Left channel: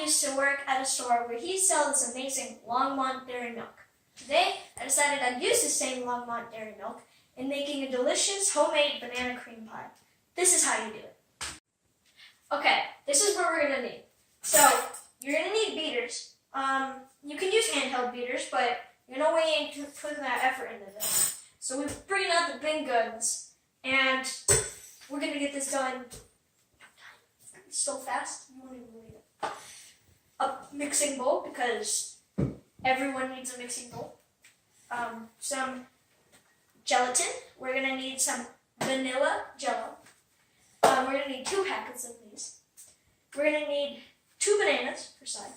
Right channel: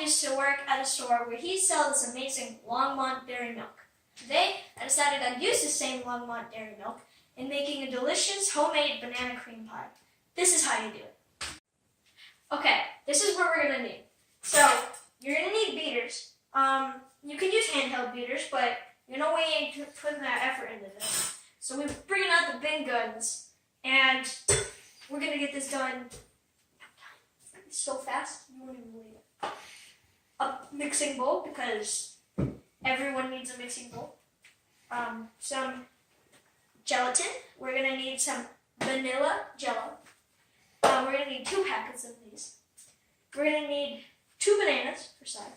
used to work at a store where he sells this amazing Longmont dairy milk. Today, I decided I'd use the same Longmont dairy milk in making a delicious homemade banana cream pie. This is how you do it. Okay, this is what we're going to need. So, you're going to need beaters. You can use handheld beaters, but we ain't putting that effort into this. So we're bringing out the big guns, and we're going to get this done so fast, you won't even believe it. A mixing bowl, because everyone needs a mixing bowl. Some gelatin. We're going to need some vanilla jello. We're going to need 2 packets of these. We're going to need 2 bananas per side.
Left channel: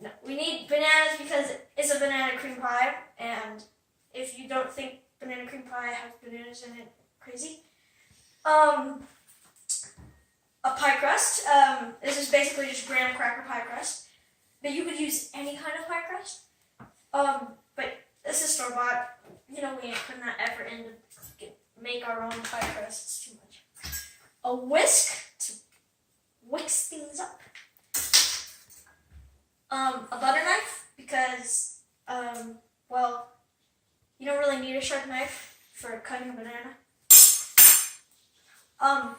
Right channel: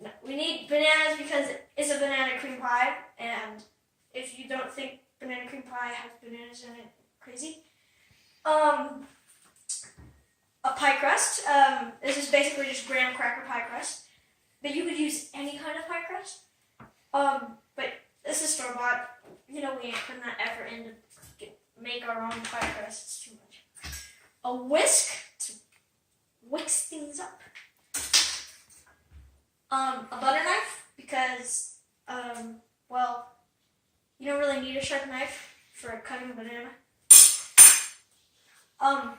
No, we need bananas because it's a banana cream pie, and if you don't think banana cream pie has bananas in it, crazy. A pie crust. This is basically just graham cracker pie crust, but you could use any kind of pie crust. But this is store-bought. We ain't putting that effort in to make our own pie crust. It's too much. A whisk to whisk things up. A butter knife, because, you don't really need a sharp knife for cutting a banana.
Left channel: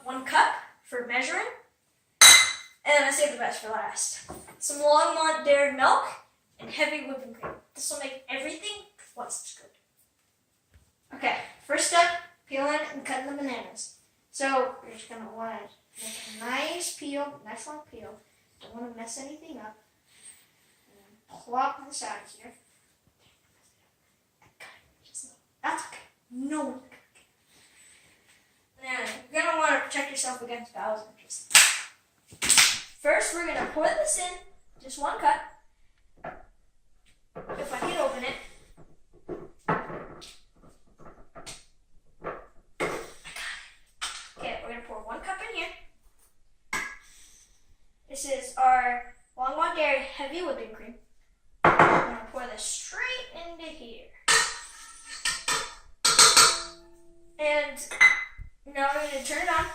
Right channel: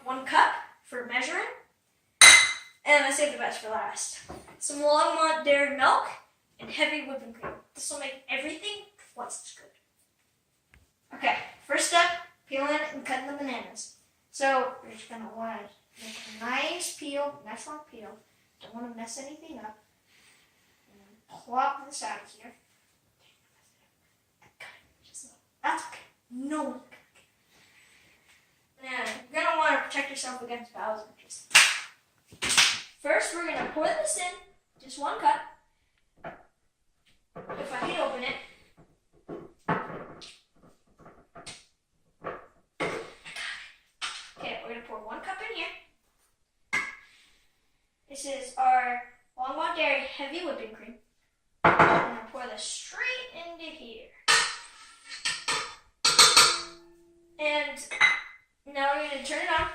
1 cup for measuring. And I saved the best for last. Some Longmont dairy milk and heavy whipping cream. This will make everything twice as good. Okay, first step, peeling and cutting the bananas. So, you're just going to want to make a nice peel, nice long peel. Don't want to mess anything up. Plop this out of here. That's okay. No one's gonna get it. Now, you're gonna want to protect yourself against bowel injuries. First, we're gonna pour this in, just 1 cup. If I can open it. Okay, we're gonna pour 1 cup in here. This is our Longmont Dairy Heavy Whipping Cream. I'm going to pour this straight into here. And now we're going to turn it on.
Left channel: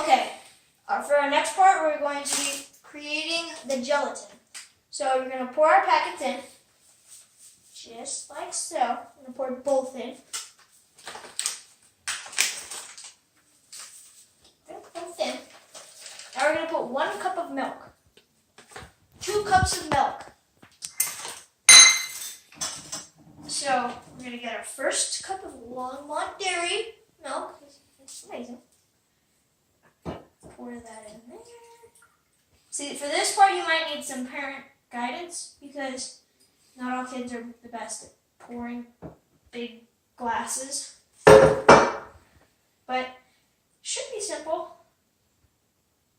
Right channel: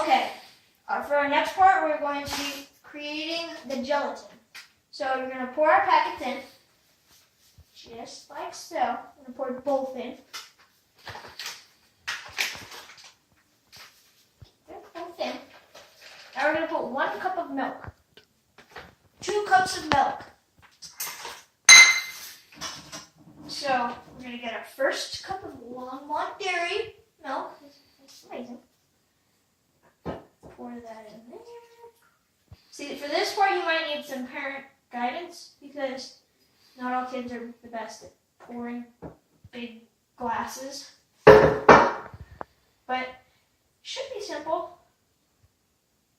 Okay, for our next part, we're going to be creating the gelatin. So we're going to pour our packets in, just like so. I'm going to pour both in. Both in. Now we're going to put 1 cup of milk. 2 cups of milk. So we're going to get our first cup of Longmont dairy milk. It's amazing. Pour that in there. See, for this part you might need some parent guidance because not all kids are the best at pouring big glasses. But it should be simple.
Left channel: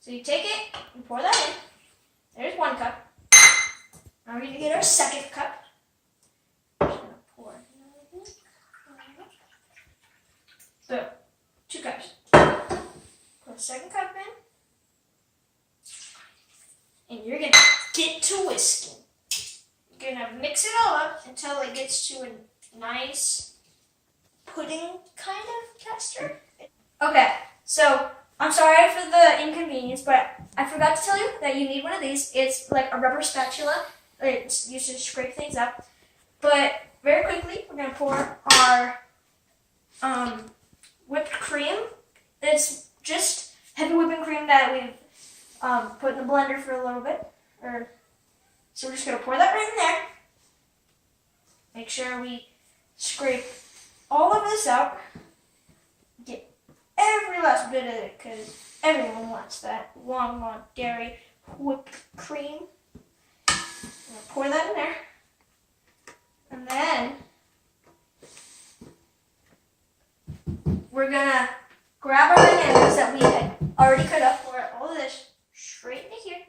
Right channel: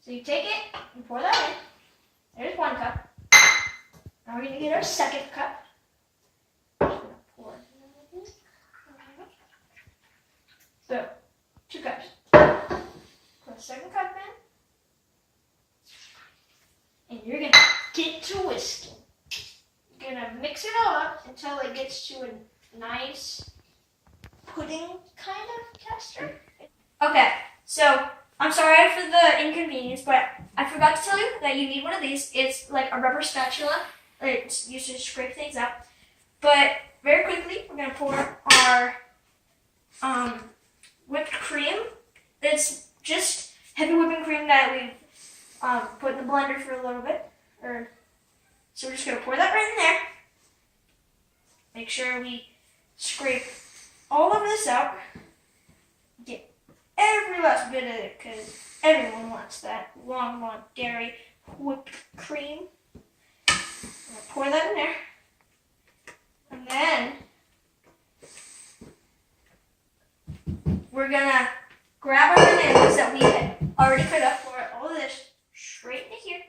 So you take it and pour that in. There's 1 cup. Now we're going to get our second cup. Just going to pour it in. So, 2 cups. Put a second cup in. And you're going to get to whisking. You're going to mix it all up until it gets to a nice pudding kind of texture. Okay, so I'm sorry for the inconvenience, but I forgot to tell you that you need one of these. It's like a rubber spatula. It's used to scrape things up. But very quickly, we're going to pour our whipped cream. It's just heavy whipping cream that we've put in the blender for a little bit. So we're just going to pour that right in there. Make sure we scrape all of this out. Get every last bit of it because everyone wants that Longmont dairy whipped cream. Pour that in there. And then we're going to grab our bananas that we had already cut up, pour all of this straight into here.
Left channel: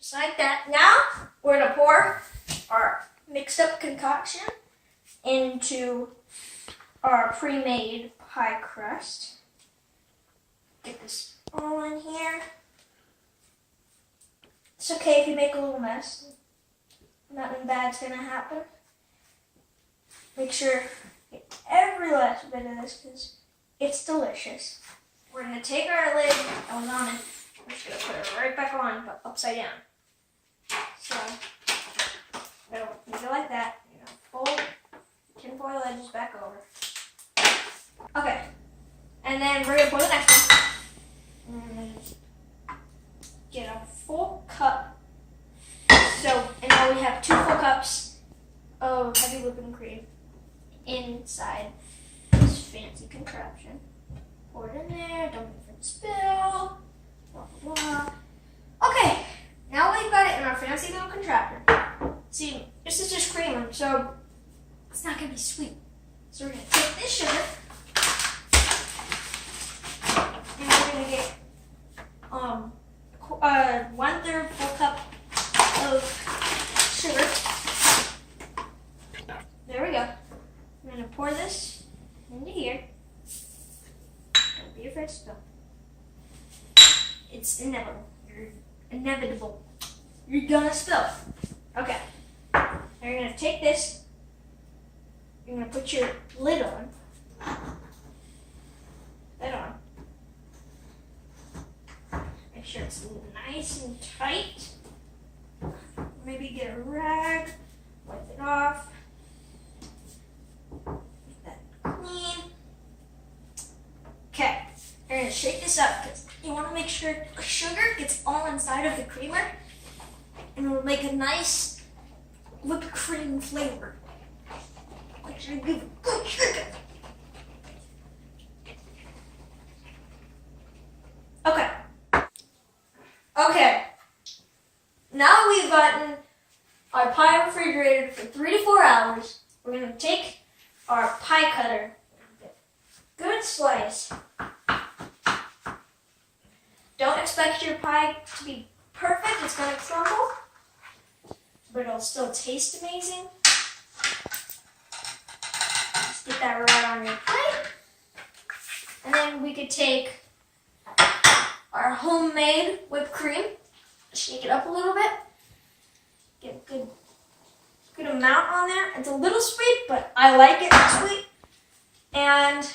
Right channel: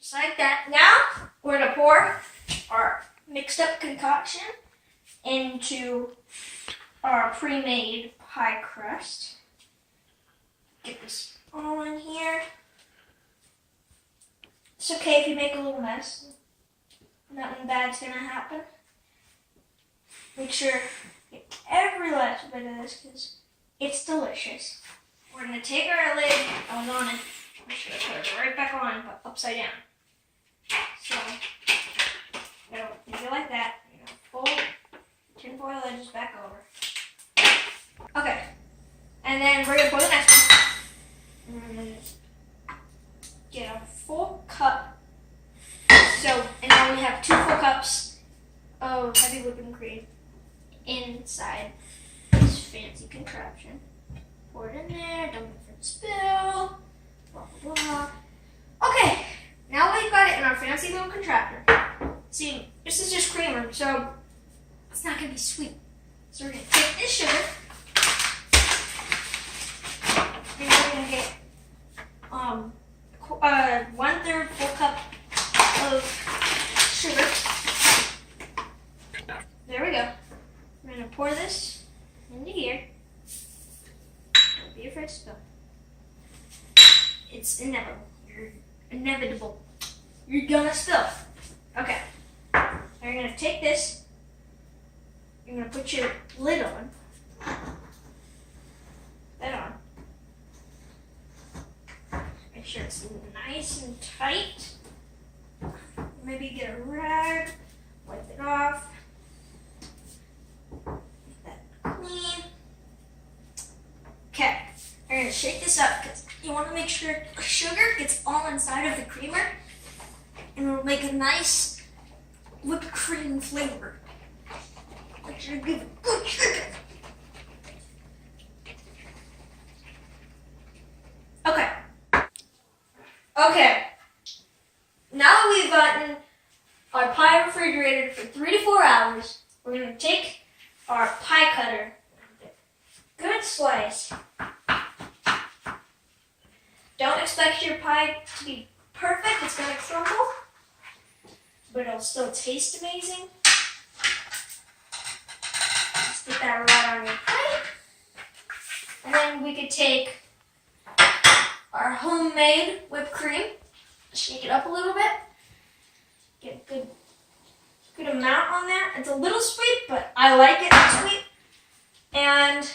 Just like that. Now we're going to pour our mixed up concoction into our pre-made pie crust. Get this all in here. It's okay if you make a little mess. Nothing bad's gonna happen. Make sure you get every last bit of this because it's delicious. we're going to take our lid that was on it. We're just going to put it right back on, but upside down. So, you know, leave it like that. You know, fold tinfoil edges back over. Okay. And then we're going to pour the next one. Get a full cup. So, and now we have 2 full cups of heavy whipping cream inside this fancy contraption. Pour it in there, don't wait for it to spill, blah, blah, blah. Okay, now we've got it in our fancy little contraption. See, this is just creamer, so it's not going to be sweet. So we're going to take this sugar, and we're going to get 1/3 full cup of sugar. There we go. We're going to pour this into here. Don't be afraid to spill. It's inevitable. You're inevitable. You're gonna spill. Okay. Now you're going to take this. You're going to put your lid on. That on. Make sure it's nice and tight. Maybe get a rag, wipe it off. Get that clean. Okay, you're going to shake this up because you want to make sure the sugar gets all inside of the creamer and it'll make a nice whipped cream flavor. Make sure you give it good sugar. Okay. Okay. Now that we've gotten our pie refrigerated for 3 to 4 hours, we're going to take our pie cutter, good slice. Don't expect your pie to be perfect, it's going to crumble, but it'll still taste amazing. Just get that right on your pie. And then we could take our homemade whipped cream, shake it up a little bit, get a good amount on there. It's a little sweet, but I like it sweet. And